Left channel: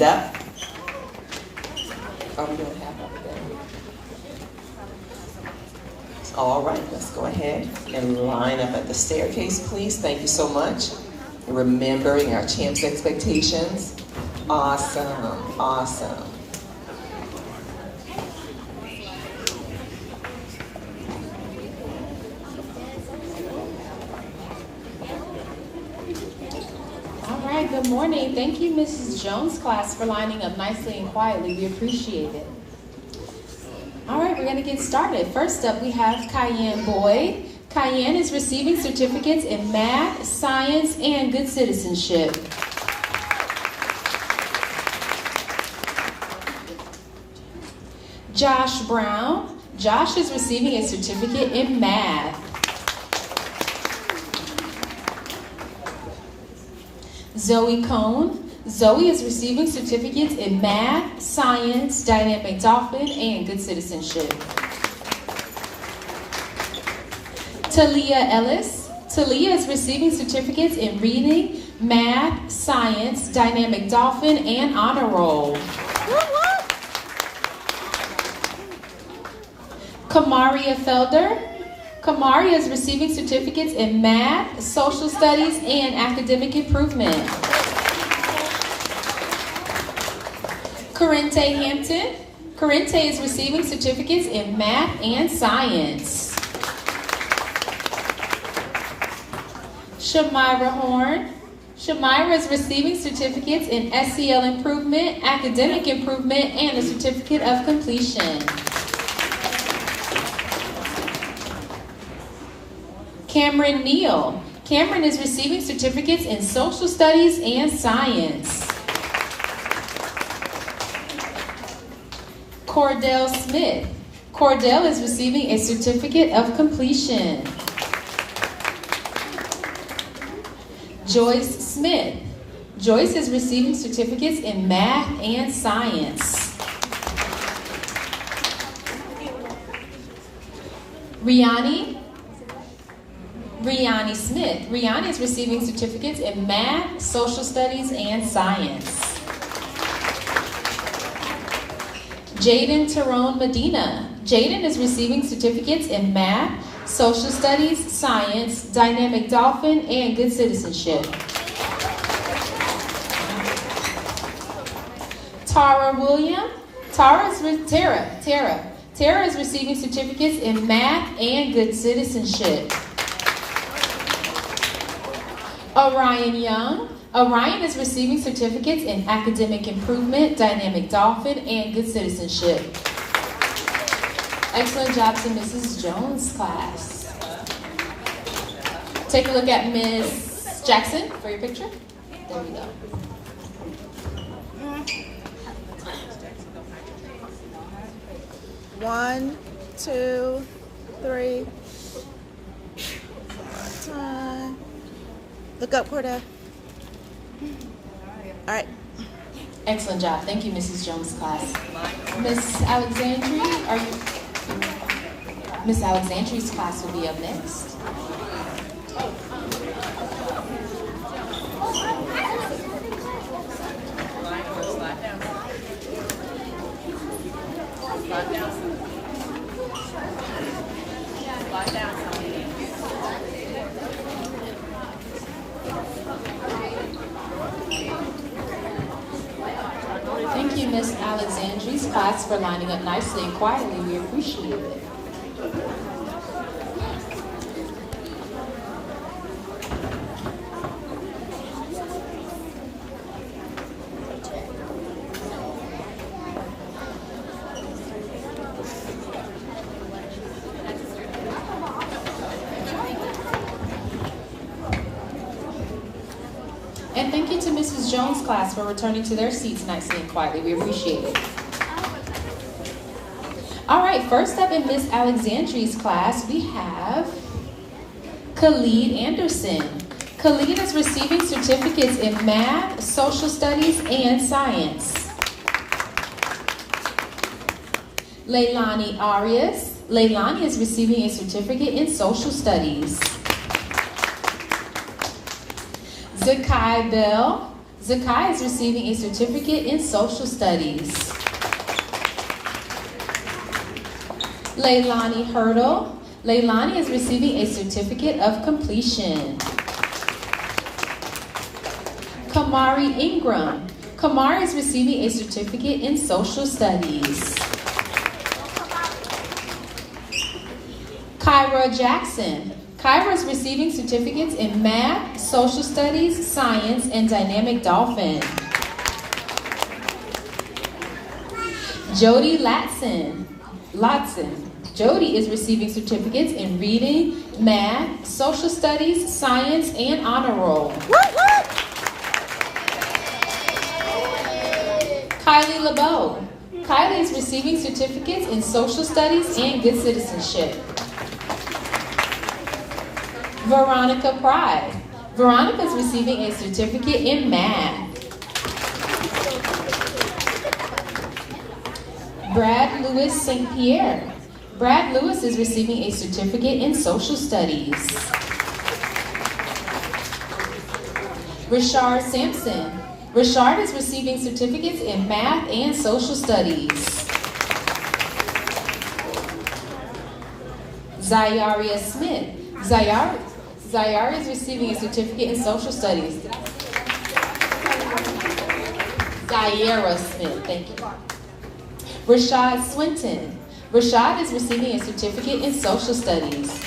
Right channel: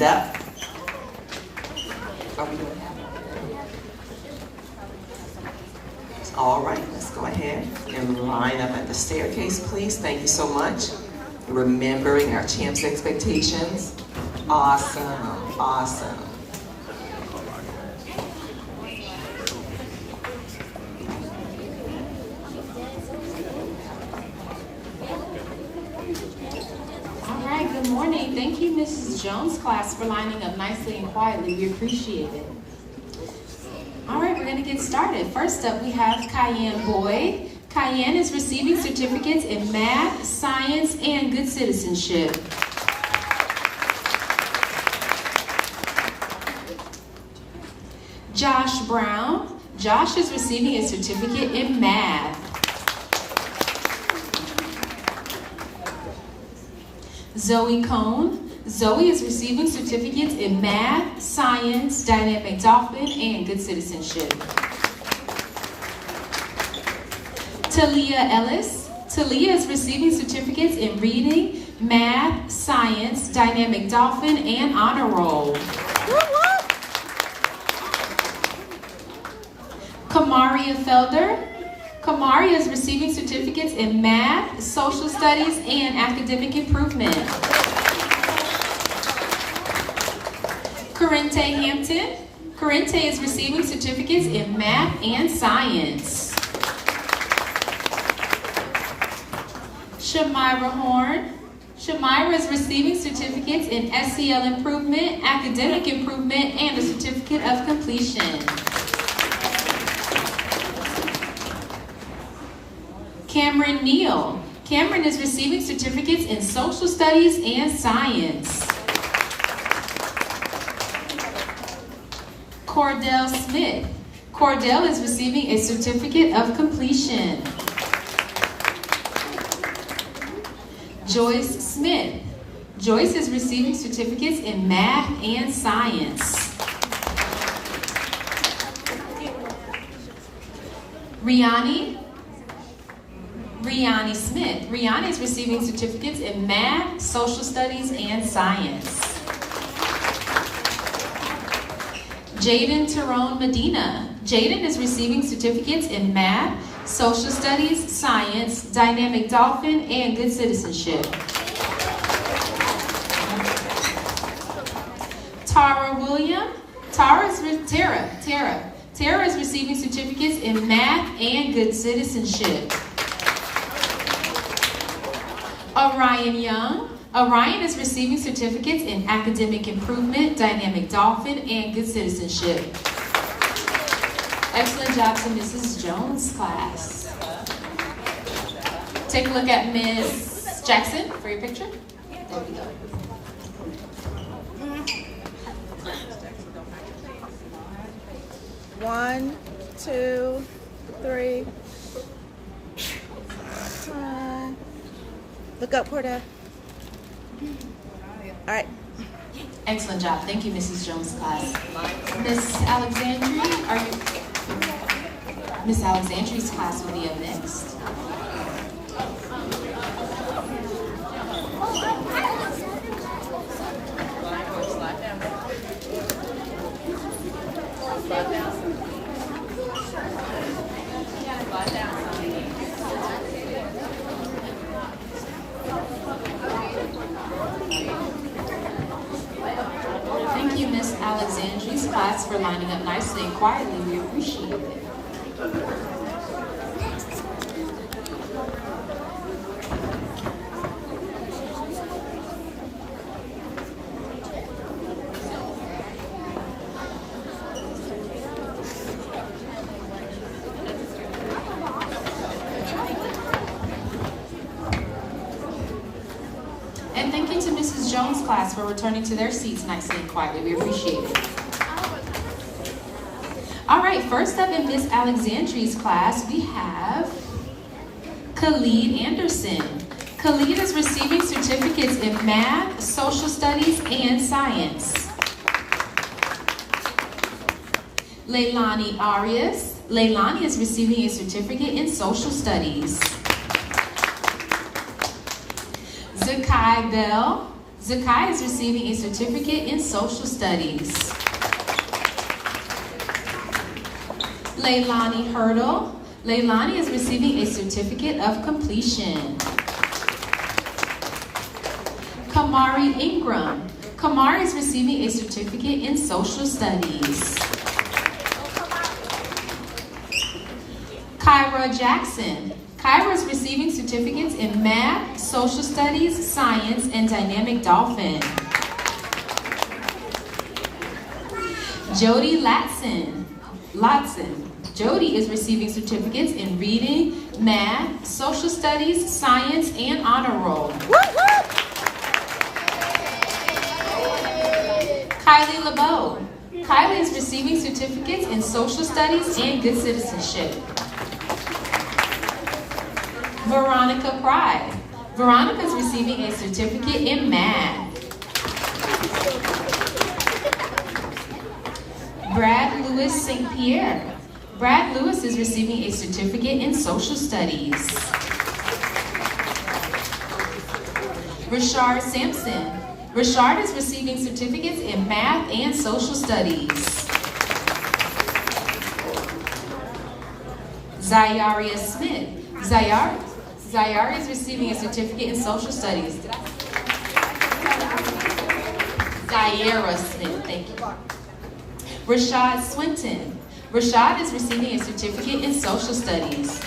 Up. Oh, we don't have it. All right, let's go ahead and line up at the staircase, please. Thank you so much. Remembering our champs' expectations. Awesome, awesome. Good morning. Thank you, Mrs. Jones' class, for lining up nicely and quietly. We appreciate it. All right, we're going to get started. First up, we have Cayenne Boyd. Cayenne is receiving certificates in math, science, and good citizenship. Josh Brown. Josh is receiving a certificate in math. Zoe Cohn. Zoe is receiving certificates in math, science, dynamic dolphin, and good citizenship. Talia Ellis. Talia is receiving certificates in reading, math, science, dynamic dolphin, and honor roll. Kamaria Felder. Kamaria is receiving certificates in math, social studies, and academic improvement. Corrente Hampton. Corrente is receiving certificates in math and science. Shamira Horn. Shamira is receiving certificates in SEL improvement, academic improvement, and a certificate of completion. Cameron Neal. Cameron is receiving certificates in social studies and science. Cordell Smith. Cordell is receiving a certificate of completion. Joyce Smith. Joyce is receiving certificates in math and science. Riani Smith. Riani is receiving certificates in math, social studies, and science. Jaden Tyrone Medina. Jaden is receiving certificates in math, social studies, science, dynamic dolphin, and good citizenship. Tara William. Tara is receiving certificates in math and good citizenship. Orion Young. Orion is receiving certificates in academic improvement, dynamic dolphin, and good citizenship. Excellent job to Mrs. Jones' class. Take a look at Ms. Jackson for your picture. There we go. One, two, three. Time. Look up, Cordell. All right. Excellent job. Thank you, Mrs. Jones' class. Miss Alexandria, Miss Alexandria's class will be up next. Thank you, Miss Alexandria's class, for lining up nicely and quietly. We appreciate it. And thank you to Mrs. Jones' class for returning to their seats nicely and quietly. We appreciate it. All right, first up in Miss Alexandria's class, we have Khalid Anderson. Khalid is receiving certificates in math, social studies, and science. Leilani Arias. Leilani is receiving a certificate in social studies. Zakai Bell. Zakai is receiving a certificate in social studies. Leilani Hurdle. Leilani is receiving a certificate of completion. Kamari Ingram. Kamari is receiving a certificate in social studies. Kyra Jackson. Kyra is receiving certificates in math, social studies, science, and dynamic dolphin. Jody Latson. Jody is receiving certificates in reading, math, social studies, science, and honor roll. Kylie LeBeau. Kylie is receiving certificates in social studies and good citizenship. Veronica Pride. Veronica is receiving a certificate in math. Brad Lewis St. Pierre. Brad Lewis is receiving a certificate in social studies. Rashard Sampson. Rashard is receiving certificates in math and social studies. Zayaria Smith. Zayara is receiving a certificate in social studies. Zayara Smith, thank you. Rashad Swinton. Rashad is receiving a certificate in social studies.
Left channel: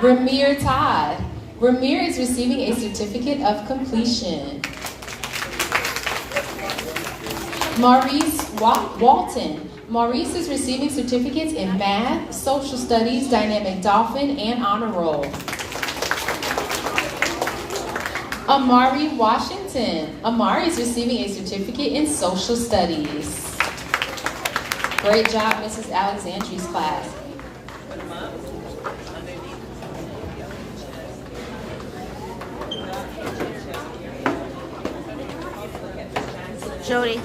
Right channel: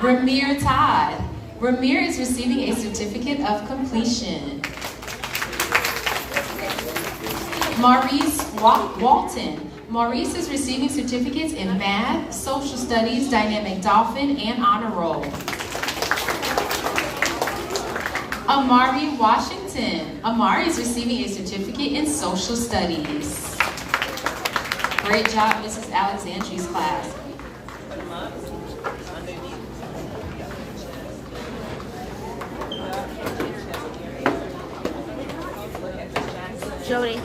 Ramir Todd. Ramir is receiving a certificate of completion. Maurice Walton. Maurice is receiving certificates in math, social studies, dynamic dolphin, and honor roll. Amari Washington. Amari is receiving a certificate in social studies. Great job, Mrs. Alexandria's class. Jody.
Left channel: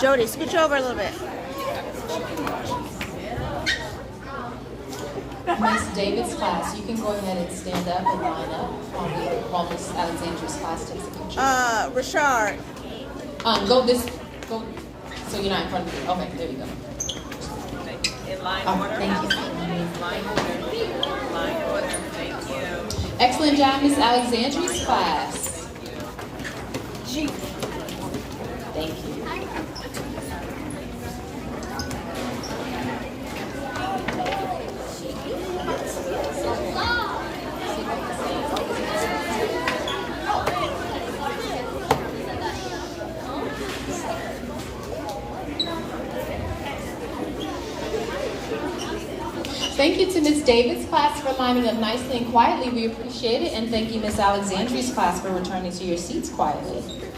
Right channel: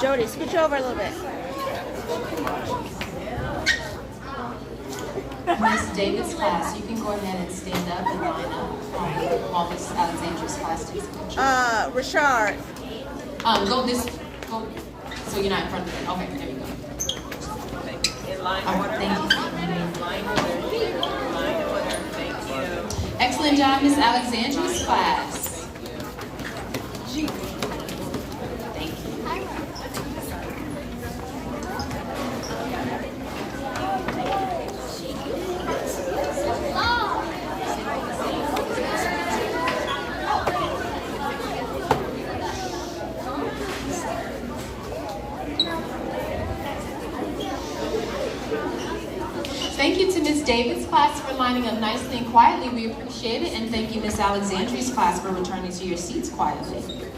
Jody, scooch over a little bit. Miss David's class, you can go ahead and stand up and line up while Miss Alexandria's class takes a picture. Rashard. Go so you're not in front of me. Okay, there you go. In line order. Thank you. Line order. Line order. Thank you. Excellent job, Miss Alexandria's class. Thank you. Thank you to Ms. David's class for lining up nicely and quietly. We appreciate it. And thank you, Ms. Alexandria's class, for returning to your seats quietly.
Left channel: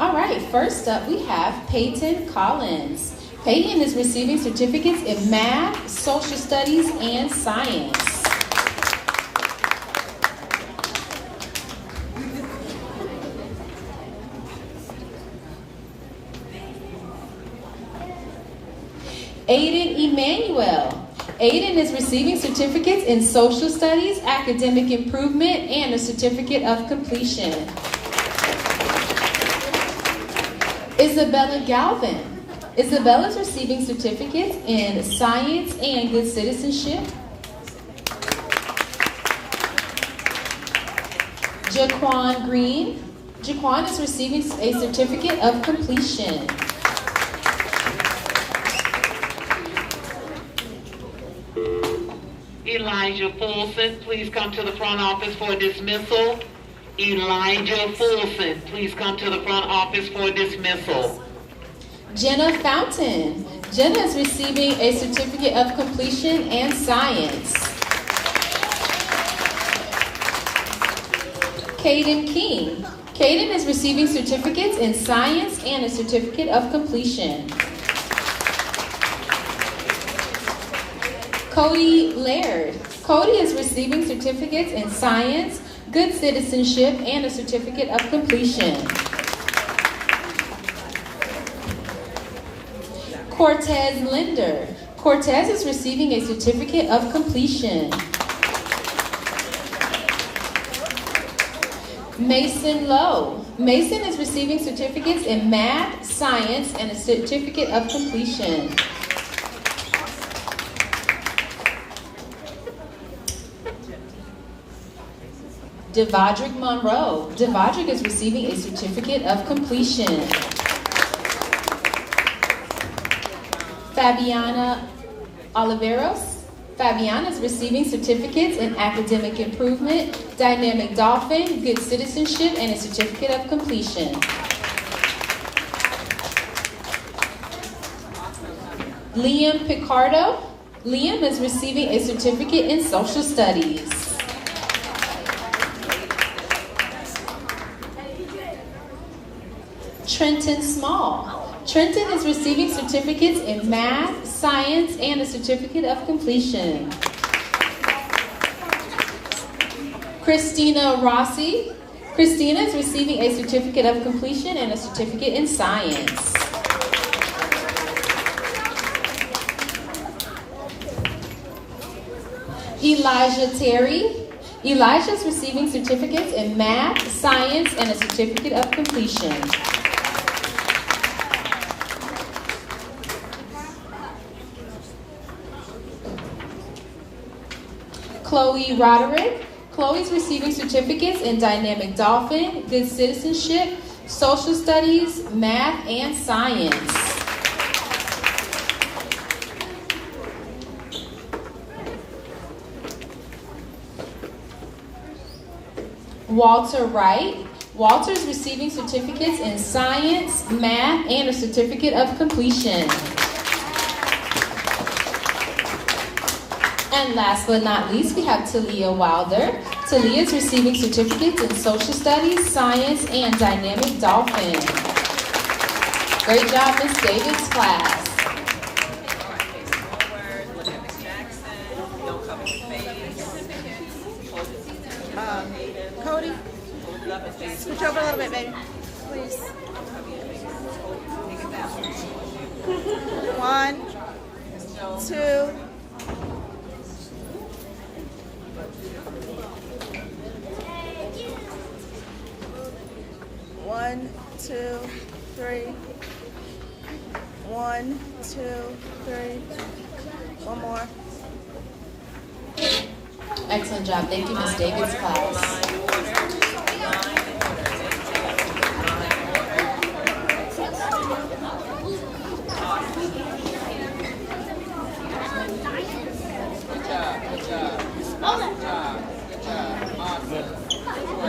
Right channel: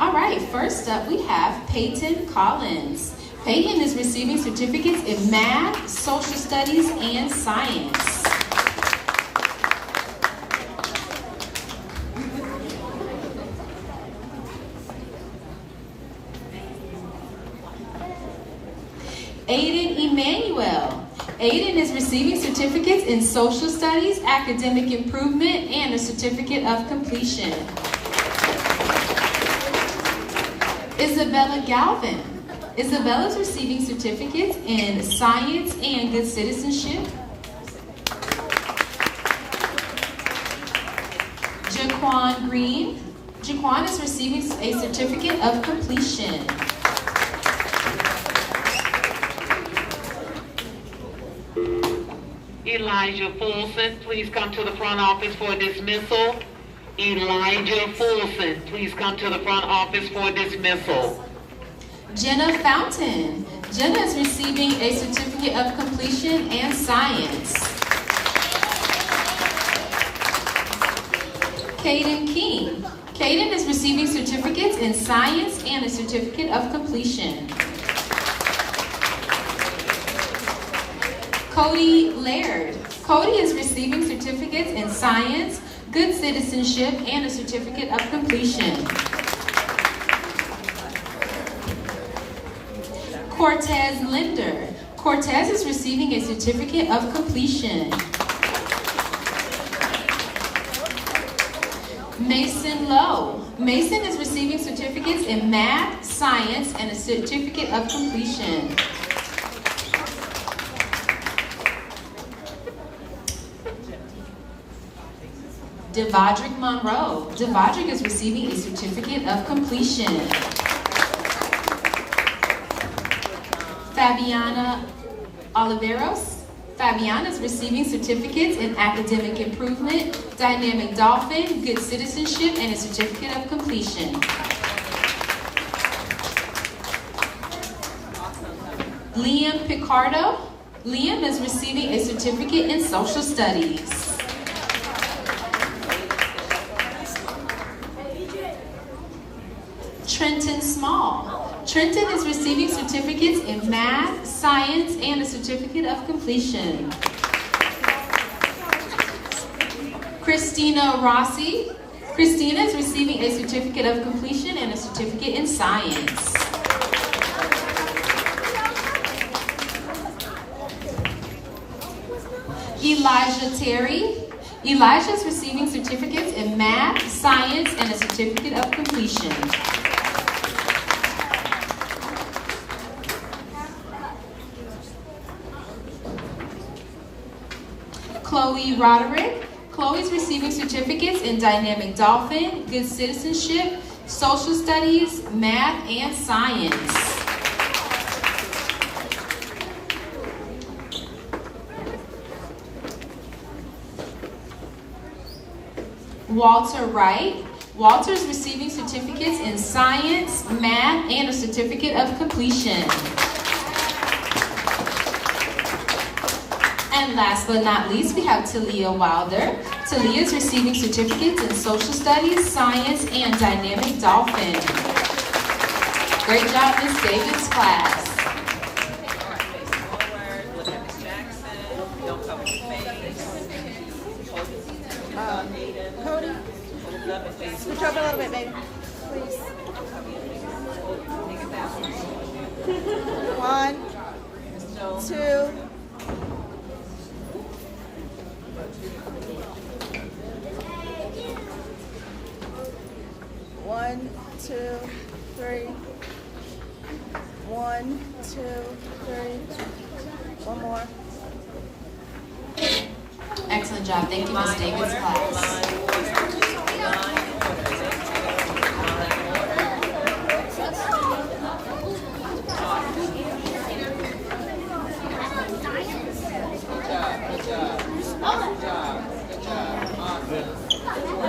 All right, first up we have Peyton Collins. Peyton is receiving certificates in math, social studies, and science. Aiden Emmanuel. Aiden is receiving certificates in social studies, academic improvement, and a certificate of completion. Isabella Galvin. Isabella is receiving certificates in science and good citizenship. Jaquan Green. Jaquan is receiving a certificate of completion. Elijah Fulson, please come to the front office for dismissal. Elijah Fulson, please come to the front office for dismissal. Jenna Fountain. Jenna is receiving a certificate of completion and science. Caden King. Caden is receiving certificates in science and a certificate of completion. Cody Laird. Cody is receiving certificates in science, good citizenship, and a certificate of completion. Cortez Linder. Cortez is receiving a certificate of completion. Mason Lowe. Mason is receiving certificates in math, science, and a certificate of completion. Devadrick Monroe. Devadrick is receiving a certificate of completion. Fabiana Oliveros. Fabiana is receiving certificates in academic improvement, dynamic dolphin, good citizenship, and a certificate of completion. Liam Picardo. Liam is receiving a certificate in social studies. Trenton Small. Trenton is receiving certificates in math, science, and a certificate of completion. Christina Rossi. Christina is receiving a certificate of completion and a certificate in science. Elijah Terry. Elijah is receiving certificates in math, science, and a certificate of completion. Chloe Roderick. Chloe is receiving certificates in dynamic dolphin, good citizenship, social studies, math, and science. Walter Wright. Walter is receiving certificates in science, math, and a certificate of completion. And last but not least, we have Talia Wilder. Talia is receiving certificates in social studies, science, and dynamic dolphin. Great job, Ms. David's class. Forward, look at Ms. Jackson. Don't cover your face. Cody, Hold it up and face. switch over a little bit, baby. Please. Don't cover your face. Bring it down. 1, So, 2. 1, 2, 3. 1, 2, 3. One more. Excellent job. Thank you, Ms. David's class.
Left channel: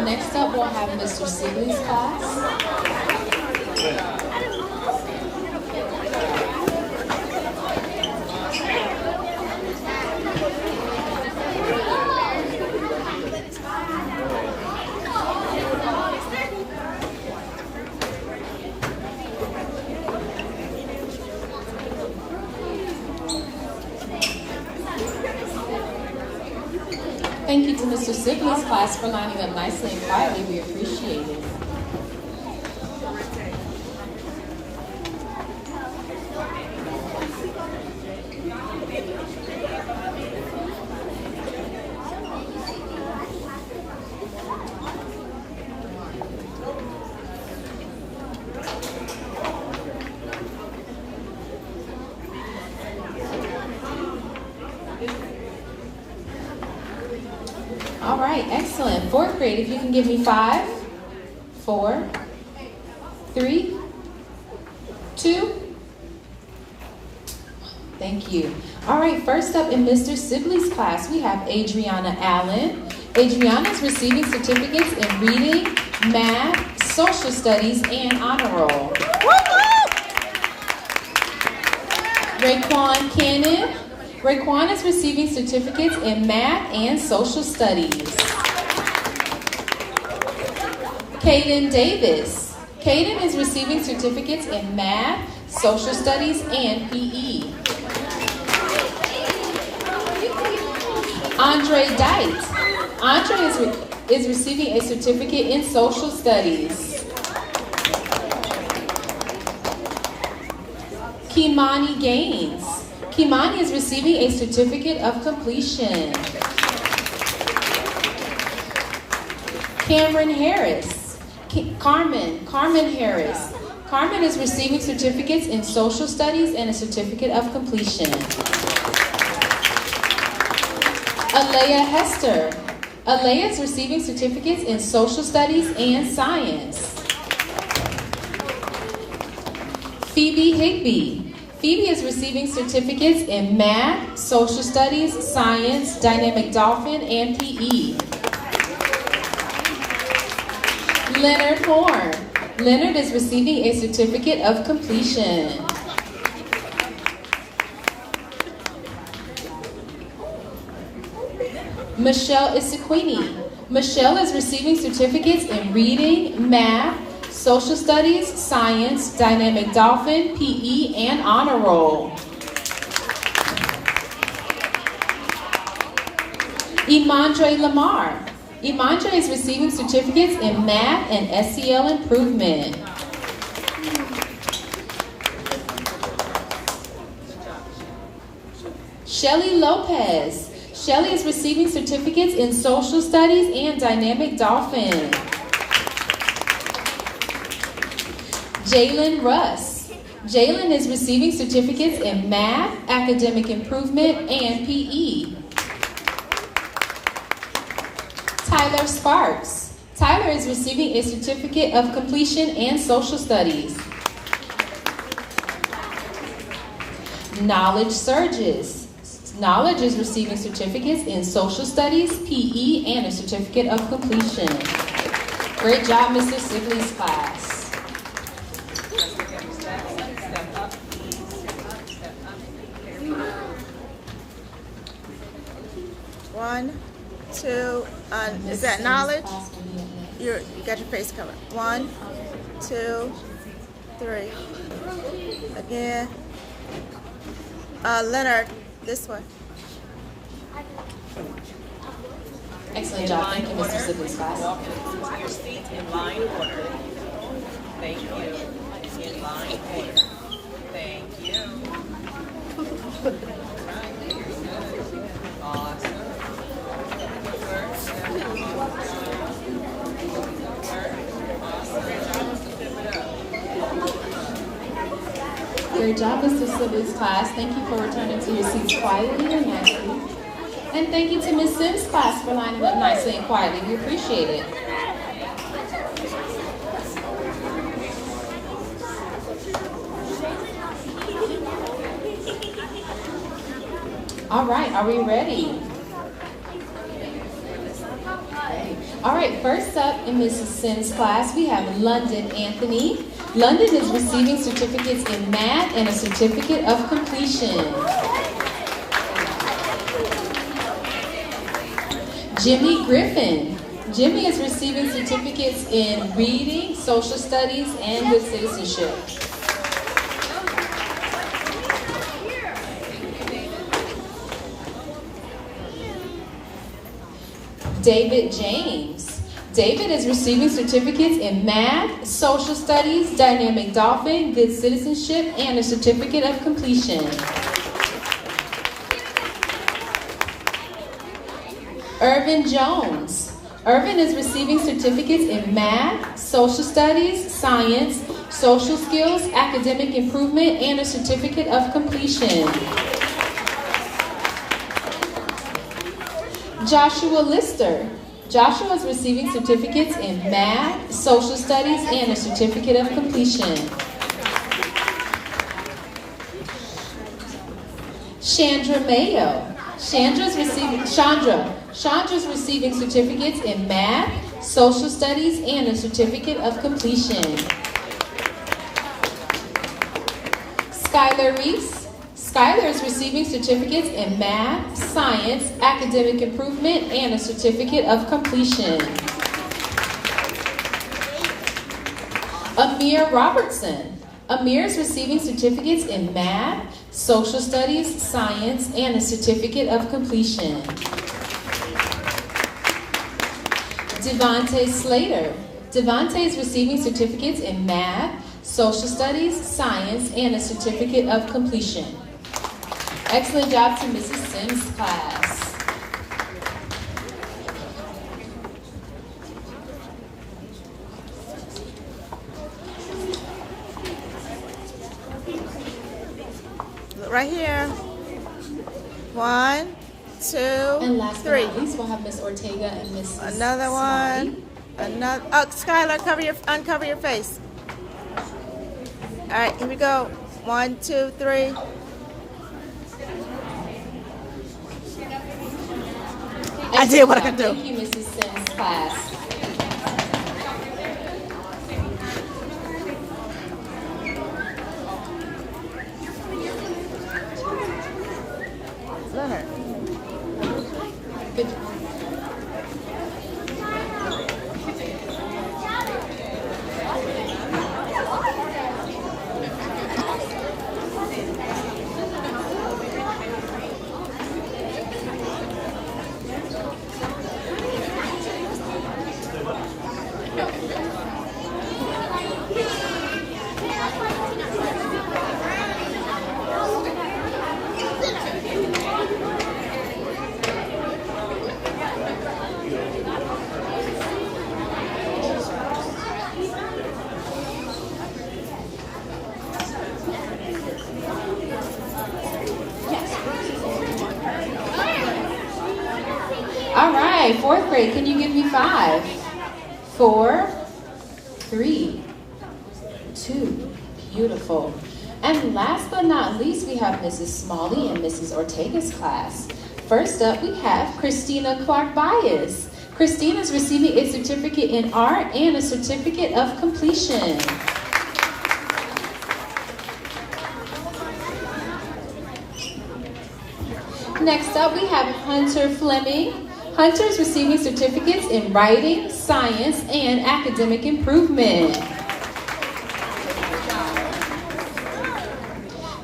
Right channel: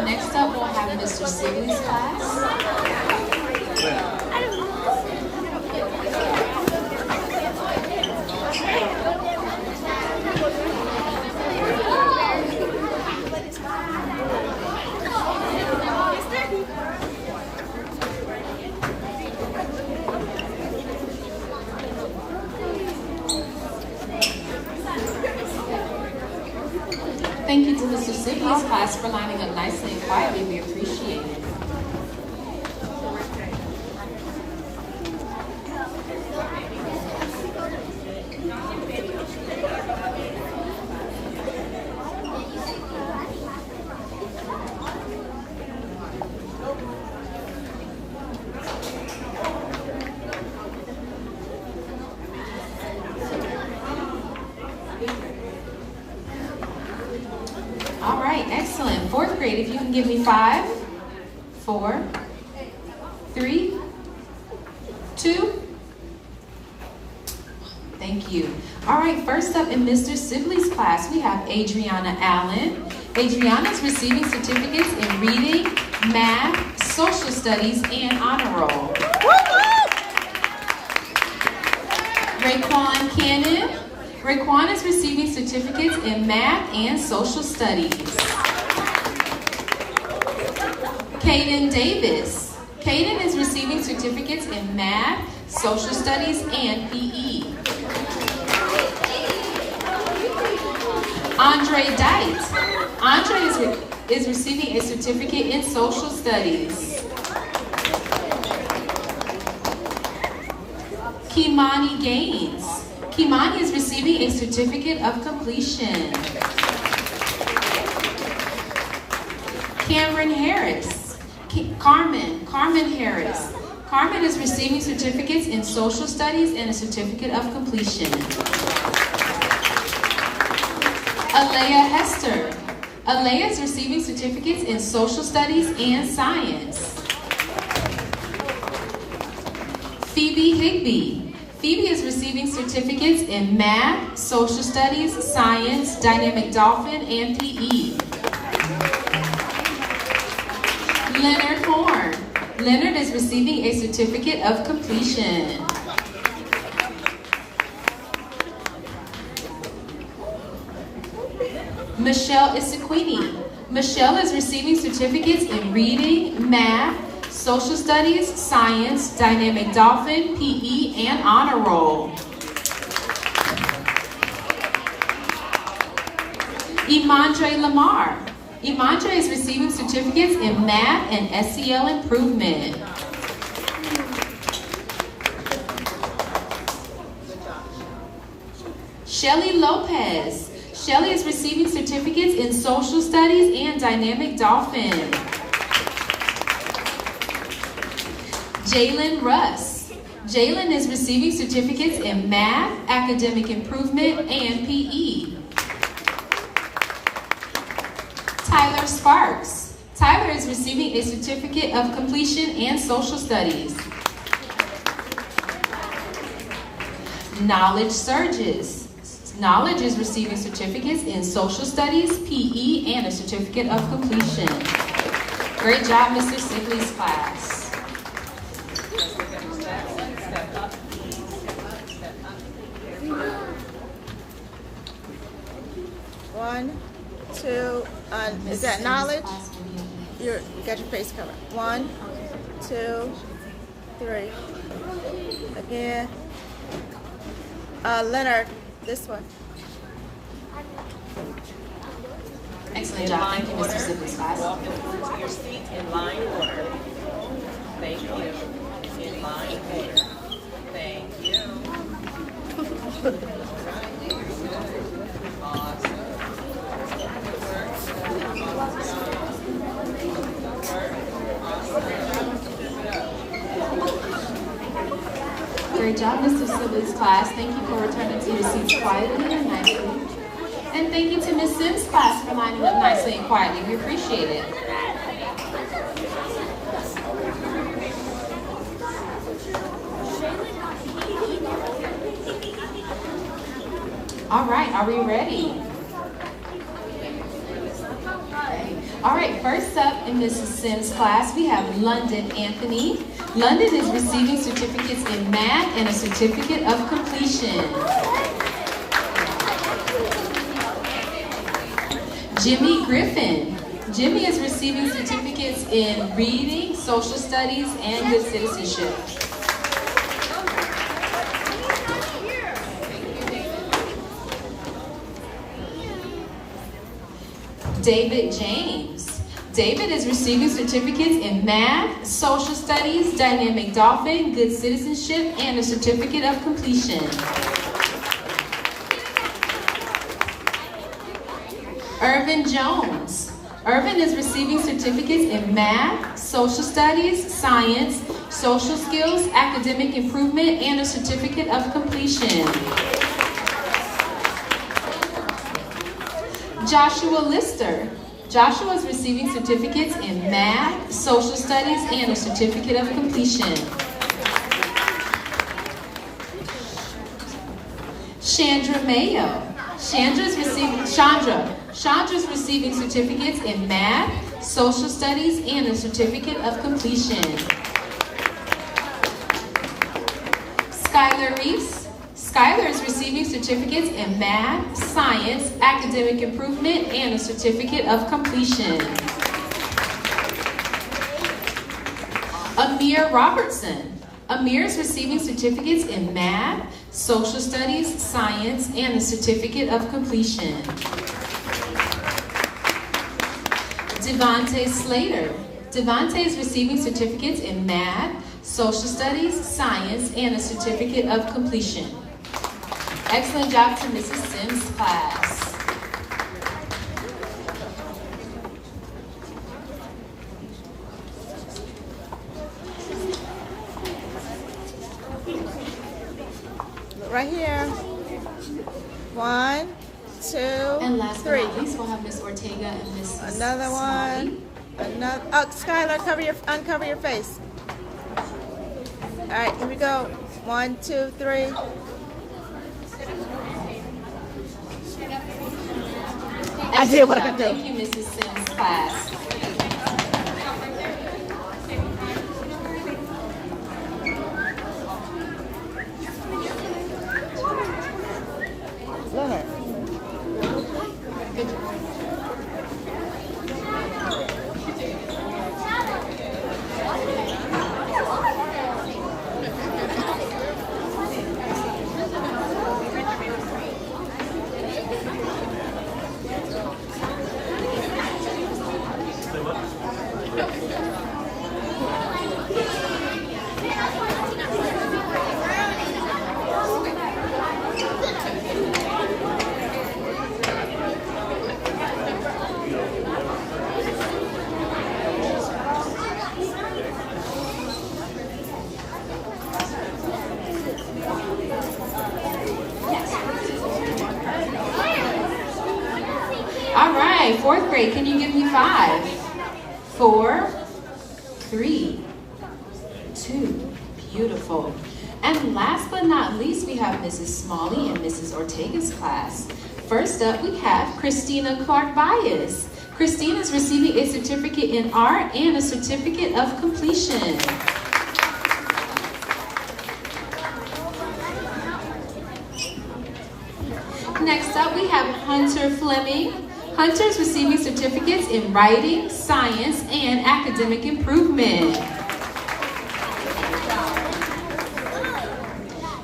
Next up, we'll have Mr. Sibley's class. Thank you to Mr. Sibley's class for lining up nicely and quietly. We appreciate it. All right, excellent. Fourth grade, if you can give me 5, 4, 3, 2. Thank you. All right, first up in Mr. Sibley's class, we have Adriana Allen. Adriana is receiving certificates in reading, math, social studies, and honor roll. Raekwon Cannon. Raekwon is receiving certificates in math and social studies. Kaden Davis. Kaden is receiving certificates in math, social studies, and PE. Andre Dite. Andre is receiving a certificate in social studies. Kimani Gaines. Kimani is receiving a certificate of completion. Cameron Harris. Carmen Harris. Carmen is receiving certificates in social studies and a certificate of completion. Alea Hester. Alea is receiving certificates in social studies and science. Phoebe Higby. Phoebe is receiving certificates in math, social studies, science, dynamic dolphin, and PE. Leonard Horn. Leonard is receiving a certificate of completion. Michelle Isaquini. Michelle is receiving certificates in reading, math, social studies, science, dynamic dolphin, PE, and honor roll. Imandre Lamar. Imandre is receiving certificates in math and SEL improvement. Shelly Lopez. Shelly is receiving certificates in social studies and dynamic dolphin. Jalen Russ. Jalen is receiving certificates in math, academic improvement, and PE. Tyler Sparks. Tyler is receiving a certificate of completion and social studies. Knowledge Surges. Knowledge is receiving certificates in social studies, PE, and a certificate of completion. Great job, Mr. Sibley's class. Step up. There we go. 1, 2, is that knowledge? You got your face covered. 1, 2, 3. Again. Leonard, this one. Excellent job. Thank you, Mr. Sibley's class. Walk to your seat in line order. Thank you. In line order. Thank you. Awesome. Great job, Mr. Sibley's class. Thank you for returning to your seats quietly and nicely. And thank you to Ms. Sims' class for lining up nicely and quietly. We appreciate it. All right, are we ready? All right, first up in Mrs. Sims' class, we have London Anthony. London is receiving certificates in math and a certificate of completion. Jimmy Griffin. Jimmy is receiving certificates in reading, social studies, and good citizenship. David James. David is receiving certificates in math, social studies, dynamic dolphin, good citizenship, and a certificate of completion. Irvin Jones. Irvin is receiving certificates in math, social studies, science, social skills, academic improvement, and a certificate of completion. Joshua Lister. Joshua is receiving certificates in math, social studies, and a certificate of completion. Chandra Mayo. Chandra's receiving certificates in math, social studies, and a certificate of completion. Skylar Reese. Skylar is receiving certificates in math, science, academic improvement, and a certificate of completion. Amir Robertson. Amir is receiving certificates in math, social studies, science, and a certificate of completion. Devontae Slater. Devontae is receiving certificates in math, social studies, science, and a certificate of completion. Excellent job to Mrs. Sims' class. Right here. 1, 2, And last but 3. not least, we'll have Miss Ortega and Mrs. Another one. Another. Oh, Skylar, uncover your face. All right, here we go. 1, 2, 3. I did what I could do. Thank you, Mrs. Sims' class. Leonard. Good job. All right, fourth grade, can you give me 5? 4, 3, 2, beautiful. And last but not least, we have Mrs. Smalley and Mrs. Ortega's class. First up, we have Christina Clark-Bias. Christina is receiving a certificate in art and a certificate of completion. Next up, we have Hunter Fleming. Hunter is receiving certificates in writing, science, and academic improvement.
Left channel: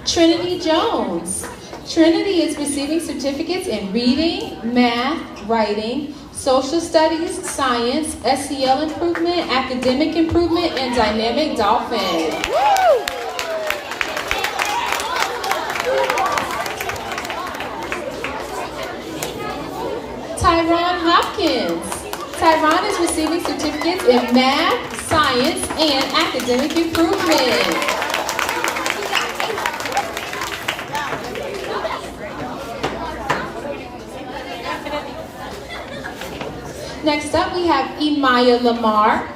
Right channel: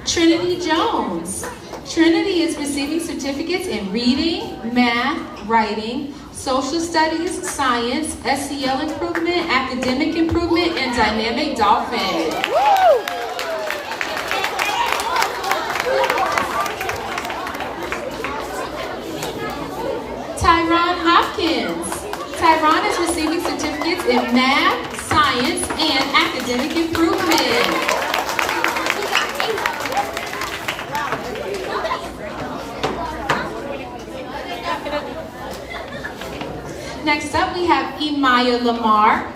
Trinity Jones. Trinity is receiving certificates in reading, math, writing, social studies, science, SEL improvement, academic improvement, and dynamic dolphin. Woo! Tyron Hopkins. Tyron is receiving certificates in math, science, and academic improvement. Next up, we have Imaya Lamar.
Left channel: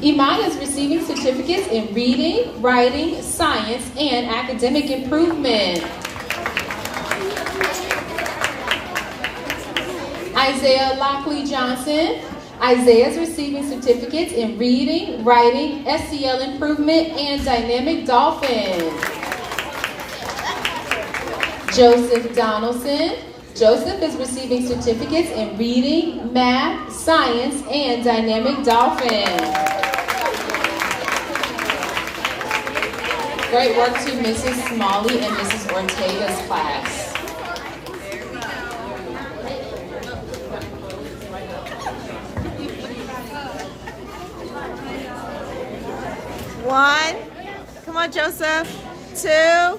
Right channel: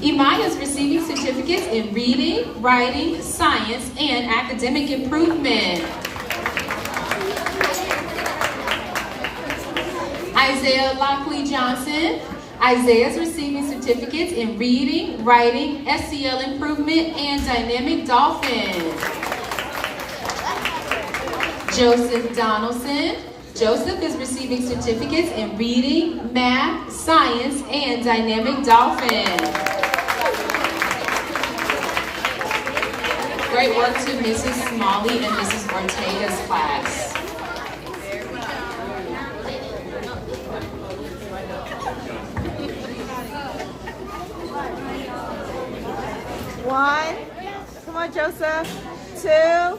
Imaya is receiving certificates in reading, writing, science, and academic improvement. Isaiah Lockley Johnson. Isaiah is receiving certificates in reading, writing, SEL improvement, and dynamic dolphin. Joseph Donaldson. Joseph is receiving certificates in reading, math, science, and dynamic dolphin. Great work to Mrs. Smalley and Mrs. Ortega's class. One. Come on, Joseph. 2,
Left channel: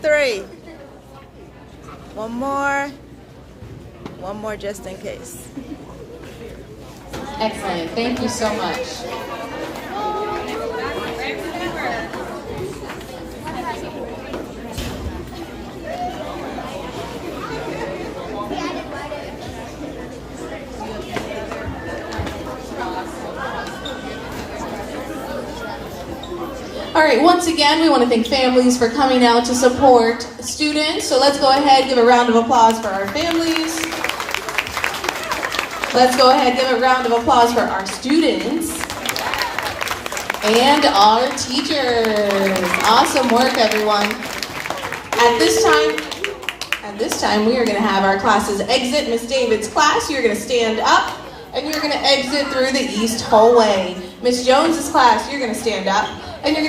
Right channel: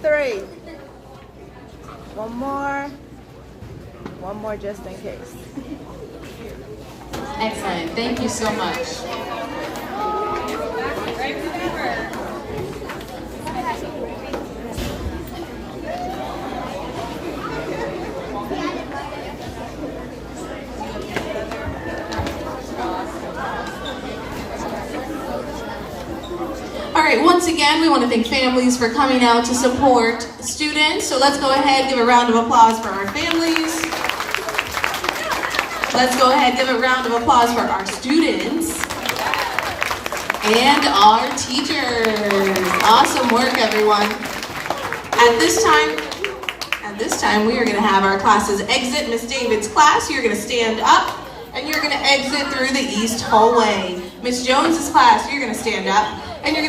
3. One more just in case. Excellent. Thank you so much. All right, once again, we want to thank families for coming out to support students. So let's go ahead and give a round of applause for our families. Let's go ahead and give a round of applause for our students and our teachers. Awesome work, everyone. At this time, we are going to have our classes exit Miss David's class. You're going to stand up and you're going to exit through the east hallway. Miss Jones's class, you're going to stand up and you're going to